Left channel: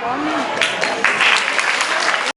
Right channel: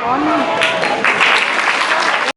gewonnen.